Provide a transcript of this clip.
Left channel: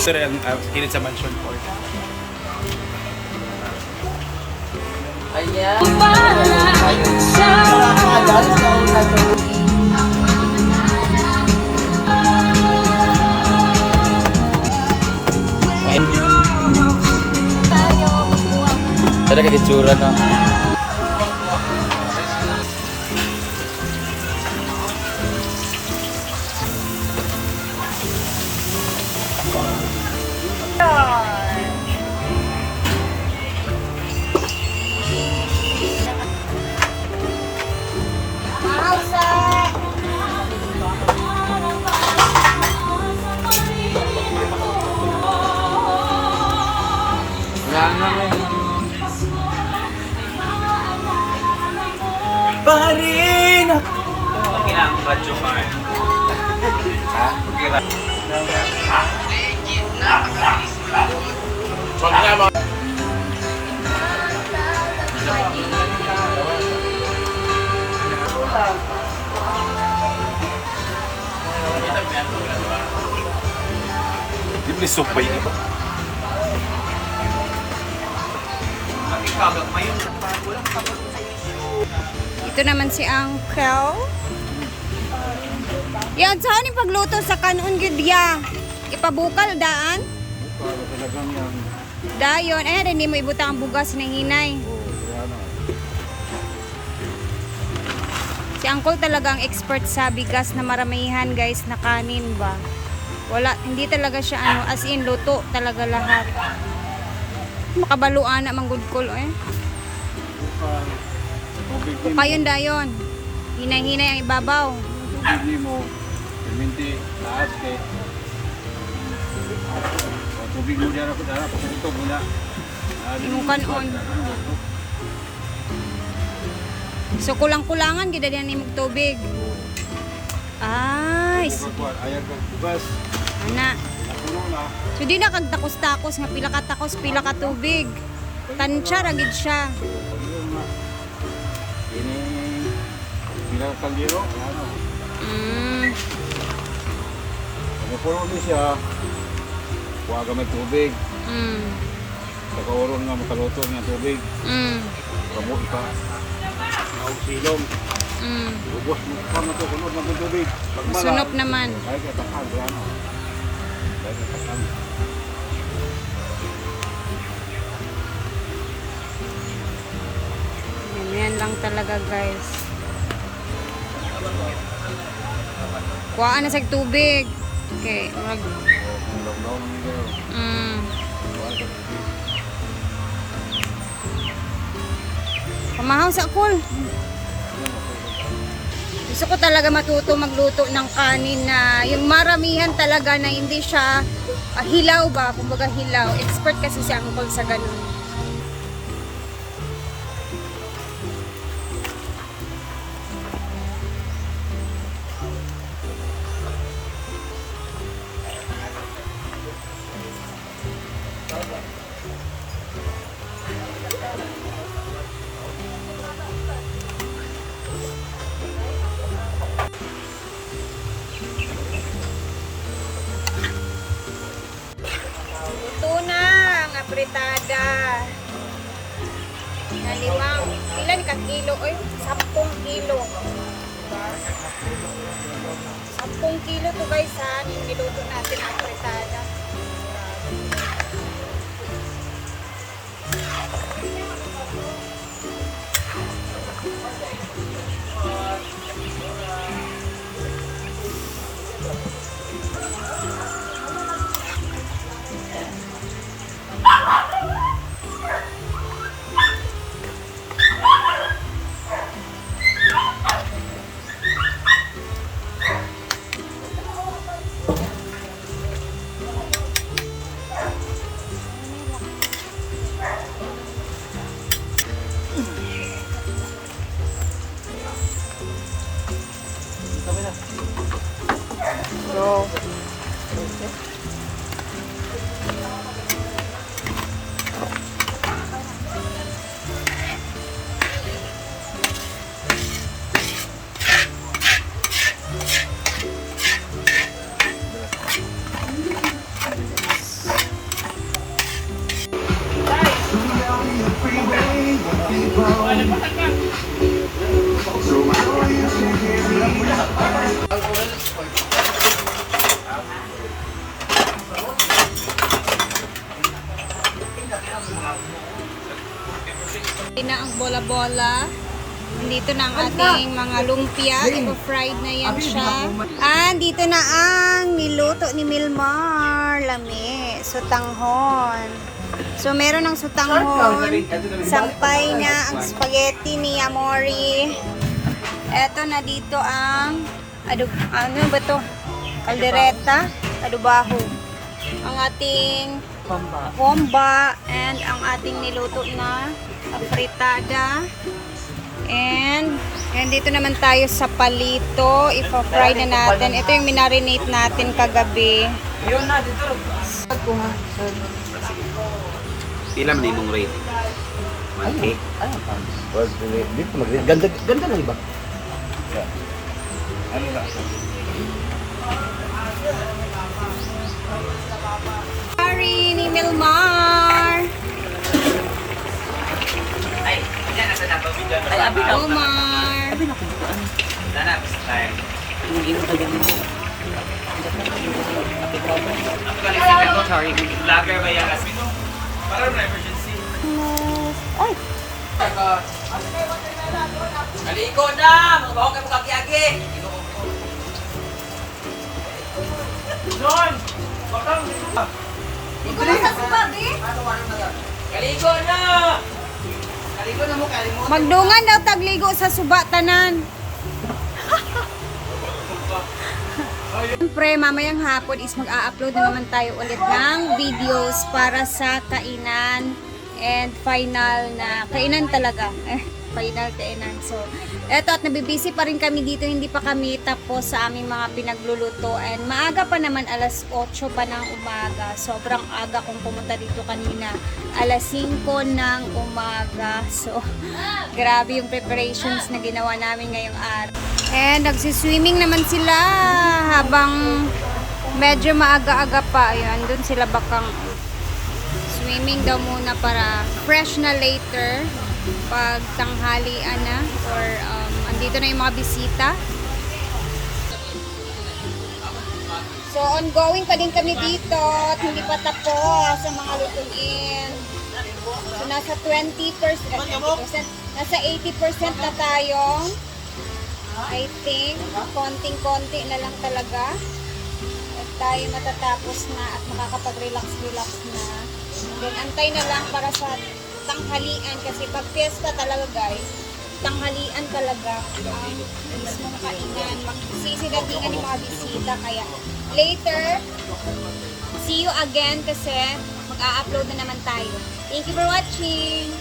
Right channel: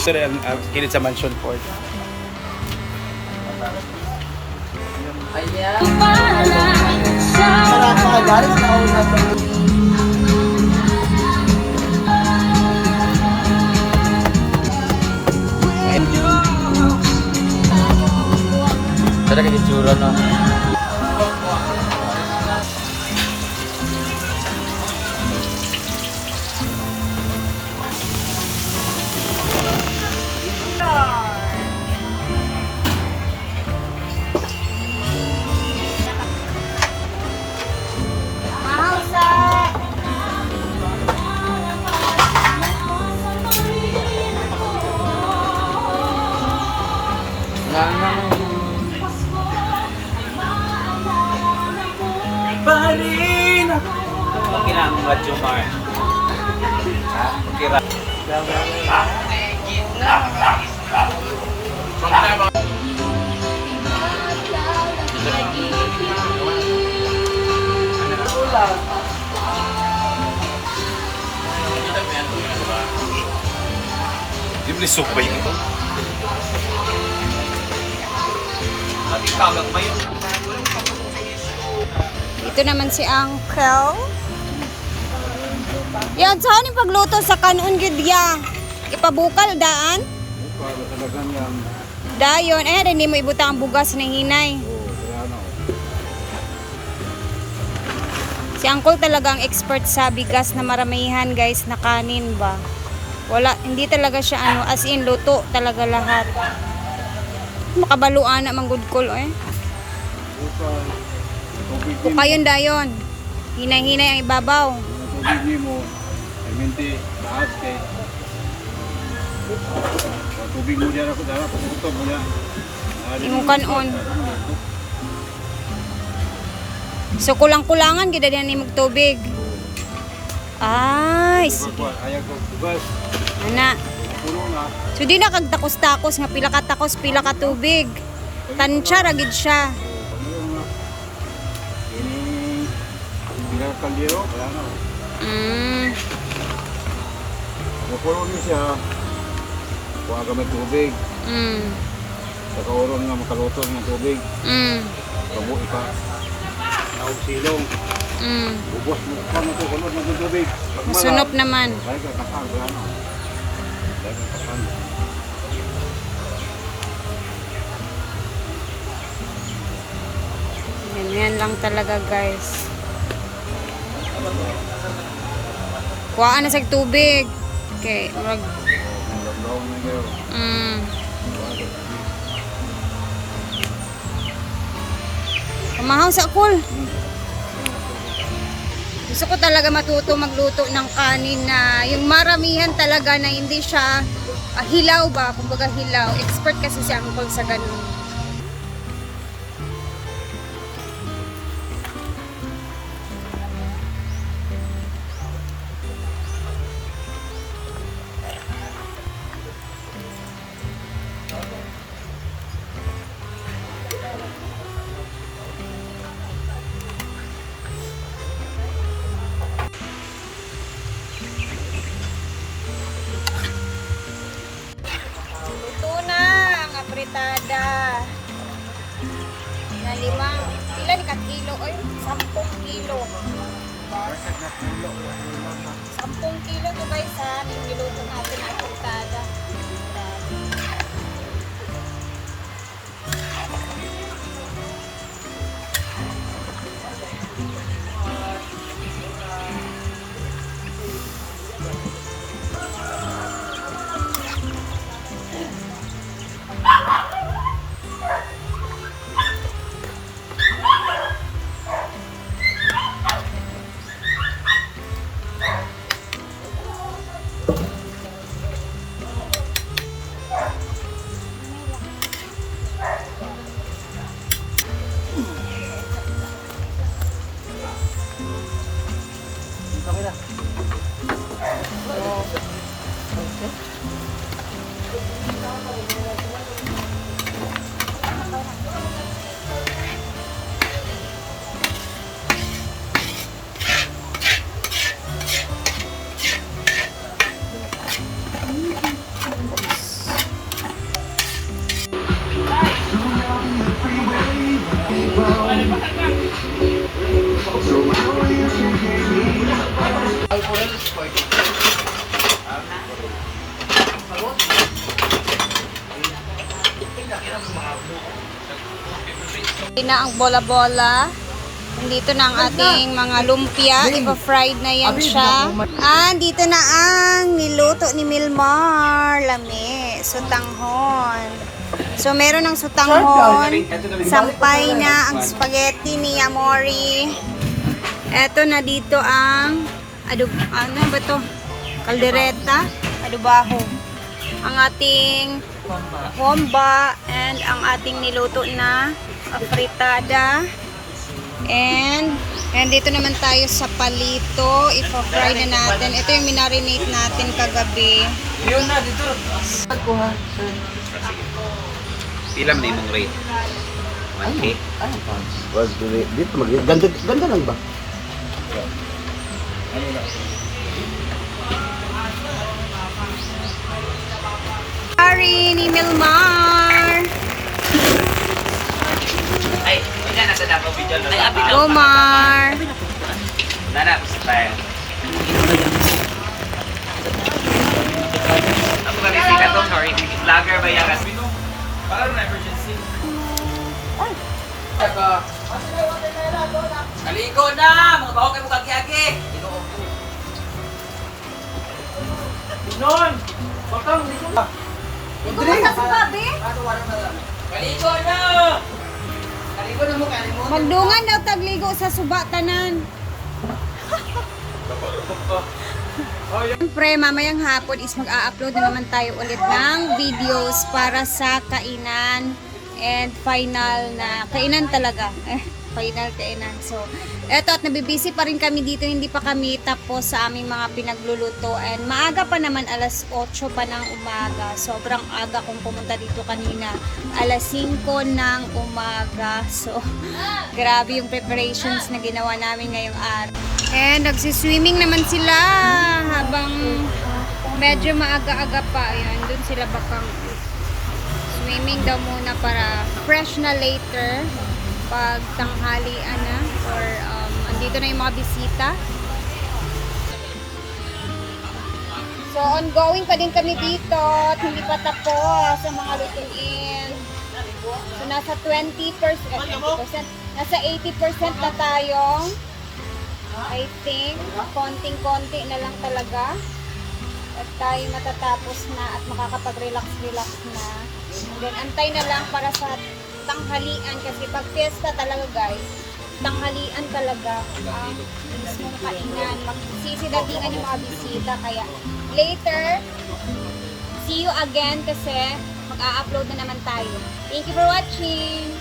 Ito rin ang kilid sa mansion port. Wala ka garis na una to. Talaga itsura na. Wala na ngayon. Parin! Okay lang, radyo pa. Okay lang. Di ba sukbay nito? Ito naman si Uncle. Yan, saan yung pagluto sa kanon gudya? Ipabukal daan? Bukal, talagang yan. Dayon, hindi mo ibutang ang bugas na hinay. Kaya na. Si Uncle talagang expert sa bigas na maramihan guys na kanin ba. Wala, hindi talaga siya as in luto talaga lahat. Makabaluan na manggod ko Bukal. Tubig O kayon dayon. Hinay-hinay ang ibabaw. Yung tubig mo, minti, taas kay. O tubig mo dyan ako, dyan pagkutog mo dyan. Imong kanon. So kulang-kulangan gid diyan ni tubig. Ay, Ayag ng bugas. ana. Puno na. So di na kag takos-takos nga pila ka takos, pila ka tubig. Tansya ra gid siya. Pagyo na. Ini bilang kaldero, ano. Kung puno ni siya, kuha ka may tubig. Sa kauron nga makaluto ng tubig. Kamo ika. Naog silong. Ubos mo ka mo to kunod ng tubig. Masunop naman. Kaya ka takang ano. Kaya ka takang. Ganyan lang talaga guys. Kuhaan na sa tubig. Okay, mag Ang law mo ngayon. Kuha ka tubig. Pamahaw sa kul. Gusto ko talaga matuto magluto ng kanin na yung maramihan talaga na hindi siya hilaw ba, kumbaga hilaw. Expert kasi si Uncle sa ganun. Luto na ang apritada na limang, ilan ka kilo? Oy, 10 kilo. 10 kilo to guys ha, niluto natin ang apritada. So, Ito na ang bola-bola. Nandito na ang ating mga lumpia. Ipa-fried na yan siya. Dito na ang niluto ni Milmar. Lami. Sutanghon. So, meron ng sutanghon. Sampay na ang spaghetti ni Amori. Eto na dito ang ano ba to? Caldereta. Adobaho. Ang ating homba and ang ating niluto na fritada. And dito naman tayo sa palito. Ipa-fry na natin. Ito yung minarinate natin kagabi. Ilam na yung rate. Okay. Dito ganda ganda na iba. Sorry ni Milmar. Ay, wala na sa dapat video. Omar. Nana, style. Ako kasi sikat to, sorry. Vlogger ba yan? Para na emergency. Aligo na! Magbaho kayo kaki-agi! Non! Bakang! Ikaw ba sa sukabi? Kaligo na! Kaligo na mo, kalimut. Magdungan daw tagligo sa suba tanan. Siyempre, mamayang hapon is mag-a-upload na naman tayo ulit ng videos para sa kainan and final na kainan talaga. Final kainan. So, eto at nabibisi pa rin kami dito. Hindi pa kami tapos sa aming mga pinagluluto. And maaga pa naman, alas 8 pa ng umaga. Sobrang aga kung pumunta dito kanina. Alas 5 ng umaga. So, grabe yung preparations na ginawa namin ngayong araw. And nagsiswimming naman sila habang medyo maaga-aga pa. Ayan, dun sila bakang swimming daw muna para fresh na later pag tanghalian na or andito na yung mga bisita. So ongoing pa din kami dito at hindi pa tapos ang mga lutuin. So nasa 20%, nasa 80% na tayo. I think konting-konti na lang talaga at tayo matatapos na at makakapag-relax-relax na. And then antay na lang para sa tanghalian kasi pag fiesta talaga guys, tanghalian talaga ang mismong kainan. Magsisidatingan yung mga bisita kaya later, see you again kasi mag-a-upload na naman tayo. Thank you for watching!